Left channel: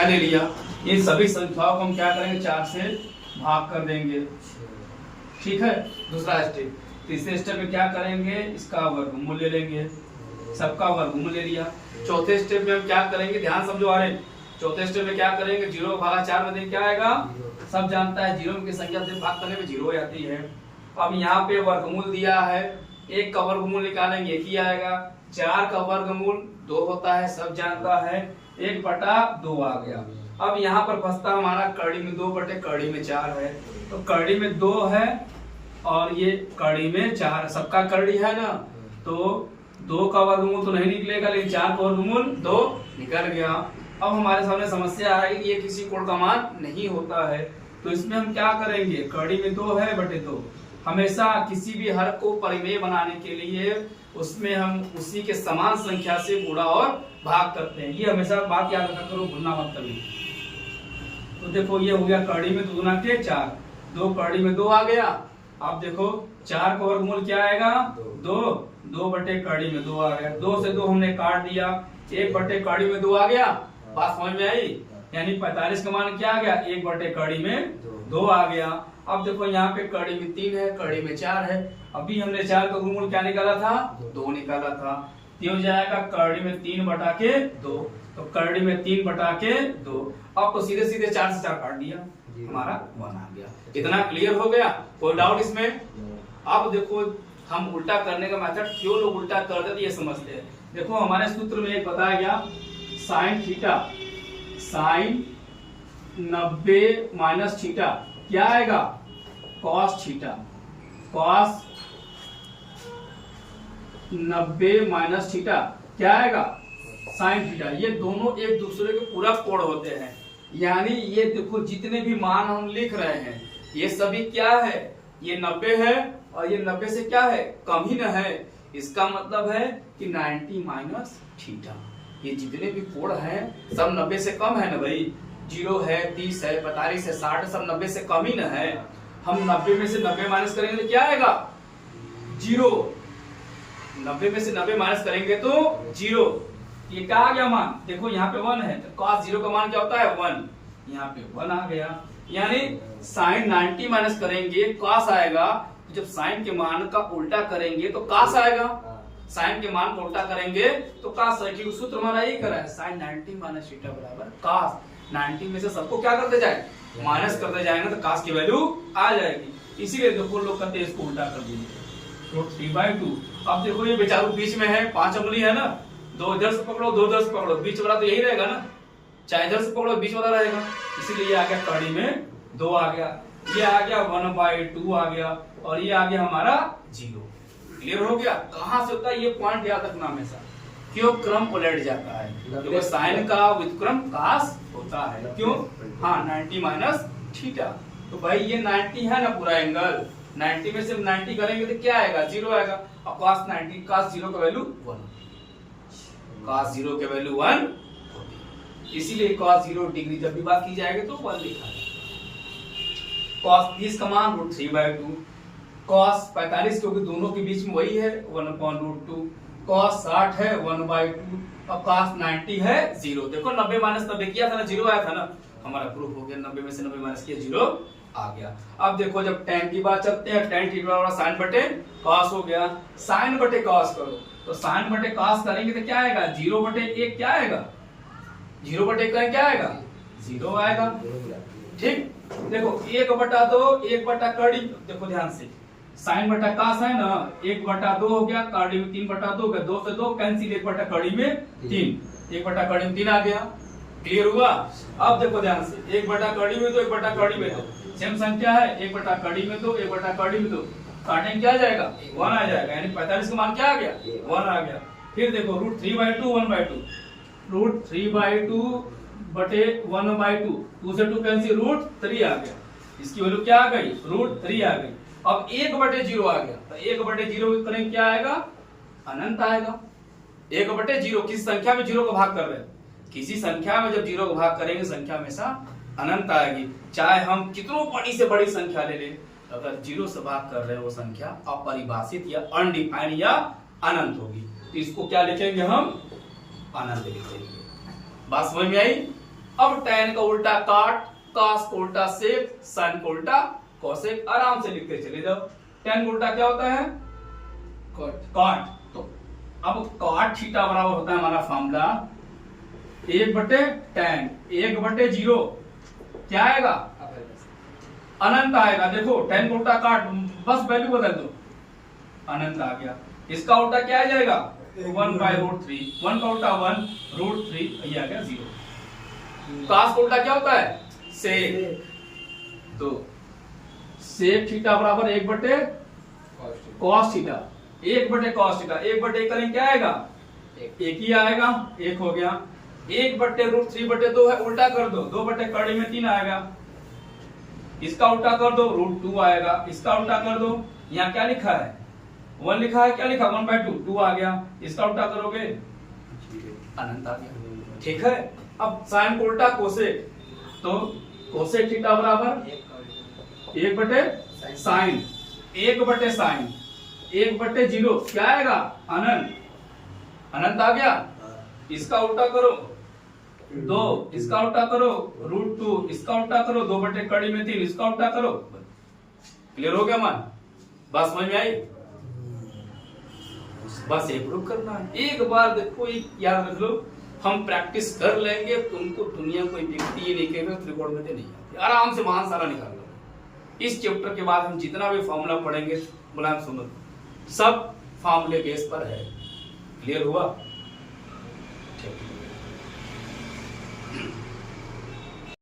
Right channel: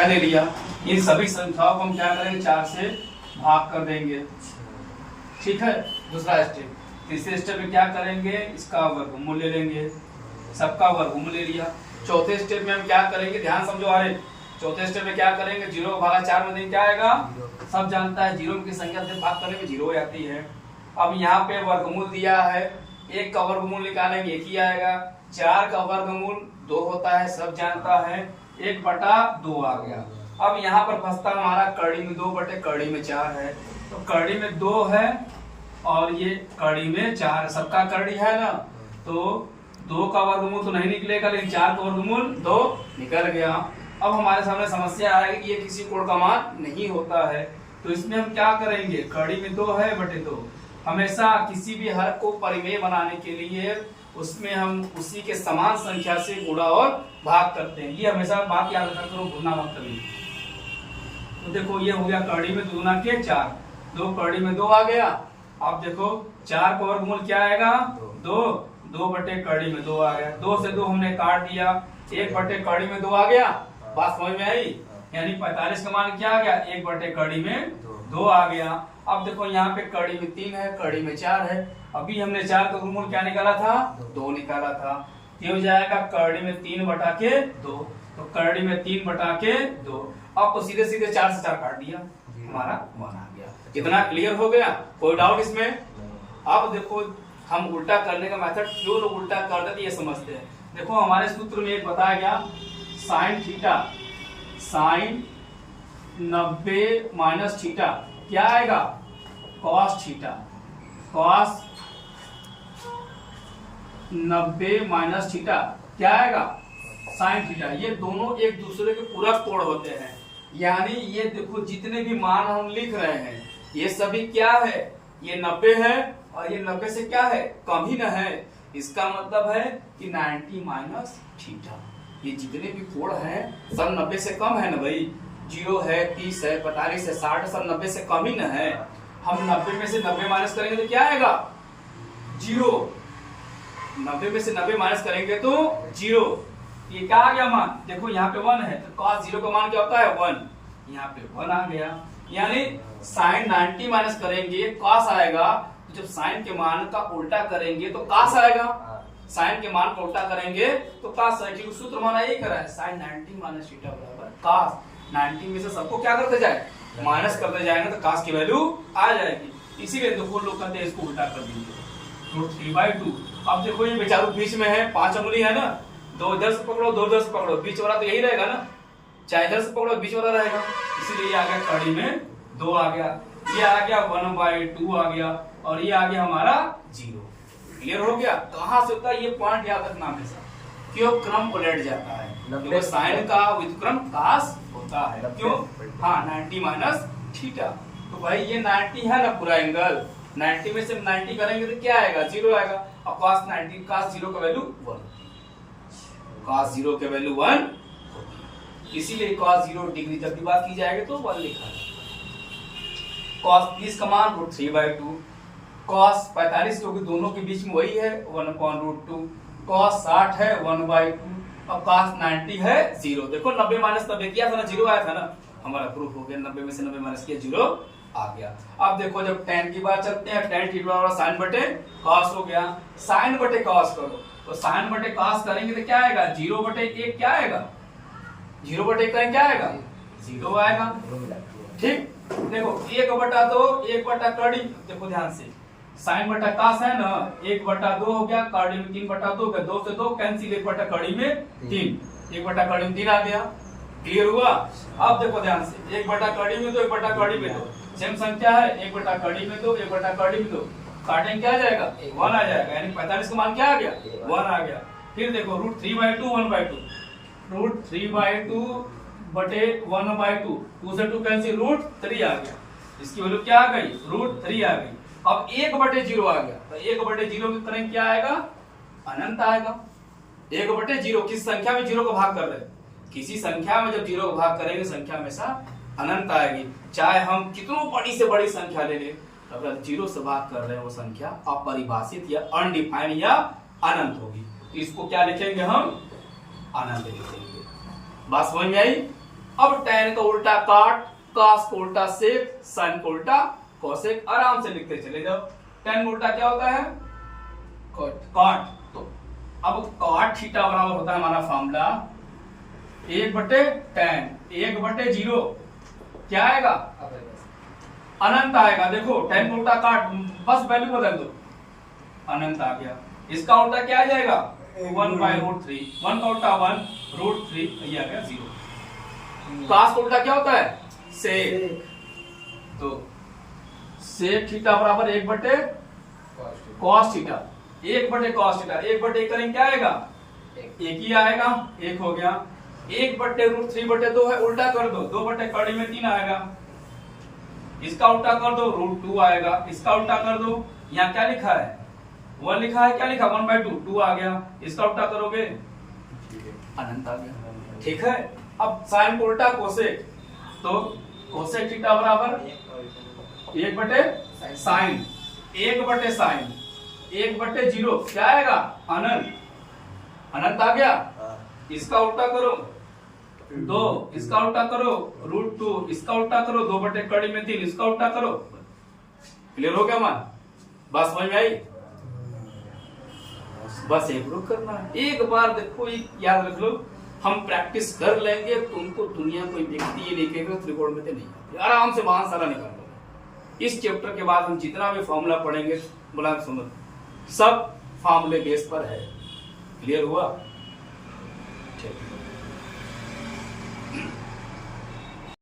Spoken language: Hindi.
संख्या ले लिया, इन सभी संख्याओं को हम क्या करेंगे 4 से भाग कर देंगे। ठीक है, दूसरा स्टेप। तीसरे स्टेप में क्या करेंगे, इसका वर्गमूल ले लेंगे, सबका वर्गमूल ले लिया। चौथे स्टेप में हम क्या करेंगे, ध्यान समझो आ रहे, चौथे स्टेप में क्या करेंगे, 0 भागा 4 में देंगे क्या आएगा, सब जानता है 0 की संख्या से भाग करने में 0 आती है। अब यहाँ पे वर्गमूल दिया है, 1 का वर्गमूल निकालेंगे 1 ही आएगा, 4 का वर्गमूल 2 होता है, सब जानता है, 1/2 आ गया। अब यहाँ पर फंसता हमारा कड़ी में 2/कड़ी में 4 है, तो कड़ी में 2 है और ये कड़ी में 4, सबका कड़ी है ना, तो 2 का वर्गमूल तो नहीं निकलेगा, लेकिन 4 का वर्गमूल 2 निकल गया। अब हमारे सामने समस्या है कि ये किसी कोण का मान नहीं होता है, तो इसमें हम क्या करेंगे, कड़ी में 2 है बटे 2, हमेशा किसी भी हर को परिमेय बनाने के लिए उसमें हम उसी के समान संख्या से गुणा और भाग करते हैं। ये हमेशा बात याद रखा करो, भूलना मत कभी। तो देखो ये हो गया कड़ी में 2 गुना के 4, 2 कड़ी में 2 आ गया। अब देखो 4 का वर्गमूल क्या आएगा, 2/कड़ी में 2 आ गया, 2 से 2 हमने काट दिया, 1/कड़ी में 2 आ गया। बात समझ में आई, यानी 45 का मान क्या आ गया, 1/कड़ी में 2 आ गया। अब देखो यहाँ पे कड़ी में 3 है, कड़ी में 4 है, अभी हमने 4 का वर्गमूल क्या निकाला था, 2 निकाला था, ये हो जाएगा कड़ी में 3/2, तो कड़ी में 3/2। अब तो सीधे सीधे 4 से 4 काट दिया, हमारा 1 आ गया। इतना क्लियर हो गया, कोई डाउट इसमें? अब देखो हम उल्टा करने का मेथड क्यों लोग उल्टा करते थे ये समझते हैं। देखो हमारे सूत्र में एक बताया गया, sine theta, sine 90 minus theta क्या आएगा, cos theta, cos 90 minus theta क्या आएगा, साइन थीटा। ये दोनों एक दूसरे के पूरा कोण होते हैं, यानी ये देखो जितने भी मान हम लिख रहे हैं ये सभी क्या है, ये 90 है और ये 90 से क्या है, कम ही न है। इसका मतलब है कि 90 माइनस थीटा, ये जितने भी कोण हैं सब 90 से कम है ना भाई, 0 है, 30 है, 45 है, 60 सब 90 से कम ही न है। हम 90 में से 90 माइनस करेंगे तो क्या आएगा, 0। 90 में से 90 माइनस करेंगे तो 0। ये क्या आ गया मान, देखो यहाँ पे 1 है, तो cos 0 का मान क्या होता है 1, यहाँ पे 1 आ गया। यानी साइन 90 माइनस करेंगे cos आएगा, तो जब साइन के मान का उल्टा करेंगे तो cos आएगा, साइन के मान को उल्टा करेंगे तो cos आएगा। ठीक, सूत्र हमारा यही करा है, साइन 90 माइनस थीटा बराबर cos 90 में से सबको क्या करते जाए, माइनस करते जाएंगे तो cos की वैल्यू आ जाएगी। इसीलिए देखो लोग कहते हैं इसको उल्टा कर दीजिए, तो 3/2। अब देखो ये बेचारू बीच में है, 5 उंगली है ना, 2 इधर से पकड़ो, 2 इधर से पकड़ो, बीच वाला तो यही रहेगा ना, चाहे इधर से पकड़ो बीच वाला रहेगा, इसीलिए आ गया कड़ी में 2 आ गया, ये आ गया 1/2 आ गया, और ये आ गया हमारा 0। क्लियर हो गया? कहां से होता है ये पॉइंट याद रखना हमेशा, क्यों क्रम उलट जाता है, क्योंकि साइन का व्युत्क्रम cos होता है, क्यों, हाँ 90 माइनस थीटा। तो भाई ये 90 है ना पूरा एंगल, 90 में से 90 करेंगे तो क्या आएगा, 0 आएगा। अब cos 90, cos 0 का वैल्यू 1, cos 0 के वैल्यू 1, इसीलिए cos 0 डिग्री जब भी बात की जाएगी तो 1 लिखा जाएगा। cos 30 का मान √3/2, cos 45 क्योंकि दोनों के बीच में वही है 1/√2, cos 60 है 1/2, अब cos 90 है 0। देखो 90 माइनस 90 किया था ना, 0 आया था ना, हमारा प्रूफ हो गया, 90 में से 90 माइनस किया 0 आ गया। अब देखो जब tan की बात चलते हैं, tan थीटा वाला sin बटे cos हो गया, sin बटे cos करो तो sin बटे cos करेंगे तो क्या आएगा, 0/1 क्या आएगा, 0/1 करेंगे क्या आएगा, 0 आएगा। ठीक, देखो 1/2, 1/कड़ी, देखो ध्यान से, sin बटा cos है ना, 1/2 हो गया, कड़ी में 3/2 हो गया, 2 से 2 कैंसिल, 1/कड़ी में 3, 1/कड़ी में 3 आ गया। क्लियर हुआ? अब देखो ध्यान से, 1/कड़ी में 2, 1/कड़ी में 2 सेम संख्या है, 1/कड़ी में 2, 1/कड़ी में 2 काटेंगे क्या आ जाएगा, 1 आ जाएगा, यानी 45 का मान क्या आ गया, 1 आ गया। फिर देखो √3/2 1/2, √3/2 बटे 1/2, 2 से 2 कैंसिल, √3 आ गया, इसकी वैल्यू क्या आ गई, √3 आ गई। अब 1/0 आ गया, तो 1/0 करेंगे क्या आएगा, अनंत आएगा। 1/0 किस संख्या में 0 को भाग कर रहे हैं, किसी संख्या में जब 0 को भाग करेंगे संख्या हमेशा अनंत आएगी, चाहे हम कितनों बड़ी से बड़ी संख्या ले लें, अगर 0 से भाग कर रहे हैं वो संख्या अपरिभाषित या अनडिफाइंड या अनंत होगी, तो इसको क्या लिखेंगे हम, अनंत लिखेंगे। बात समझ में आई? अब tan का उल्टा काट, cos को उल्टा सेक, sin को उल्टा कोसेक, आराम से लिखते चले जाओ। tan का उल्टा क्या होता है? कॉट। तो अब कॉट थीटा बराबर होता है हमारा फॉर्मूला 1/tan 1/0 क्या आएगा? अनंत आएगा। देखो tan का उल्टा काट, बस वैल्यू बदल दो, अनंत आ गया। इसका उल्टा क्या आ जाएगा? 1/√3, 1 का उल्टा 1√3, ये आ गया 0। cos का उल्टा क्या होता है? सेक। तो सेक थीटा बराबर 1/cos थीटा, 1/cos थीटा, 1/1 करेंगे क्या आएगा? एक ही आएगा, एक हो गया। 1/√3/2 है, उल्टा कर दो, 2/कड़ी में 3 आएगा। इसका उल्टा कर दो, √2 आएगा। इसका उल्टा कर दो, यहाँ क्या लिखा है? 1 लिखा है, क्या लिखा? 1/2, 2 आ गया। इसका उल्टा करोगे, अनंत आ गया। ठीक है। अब साइन को उल्टा कोसेक, तो कोसेक थीटा बराबर 1/sin, 1/sin, 1/0 क्या आएगा? अनंत, अनंत आ गया। इसका उल्टा करो 2, इसका उल्टा करो √2, इसका उल्टा करो 2/कड़ी में 3, इसका उल्टा करो। क्लियर हो गया मान? बात समझ में आई? बस एक प्रूफ करना है, एक बार देखो, याद रख लो, हम प्रैक्टिस कर लेंगे, तुमको दुनिया कोई व्यक्ति ये नहीं कहेगा त्रिकोण में नहीं, आराम से वहां सारा निकाल लो। इस चैप्टर के बाद हम जितना भी फॉर्मूला पढ़ेंगे, बोला सुनो, सब फॉर्मूले बेस पर है। क्लियर हुआ? ठीक।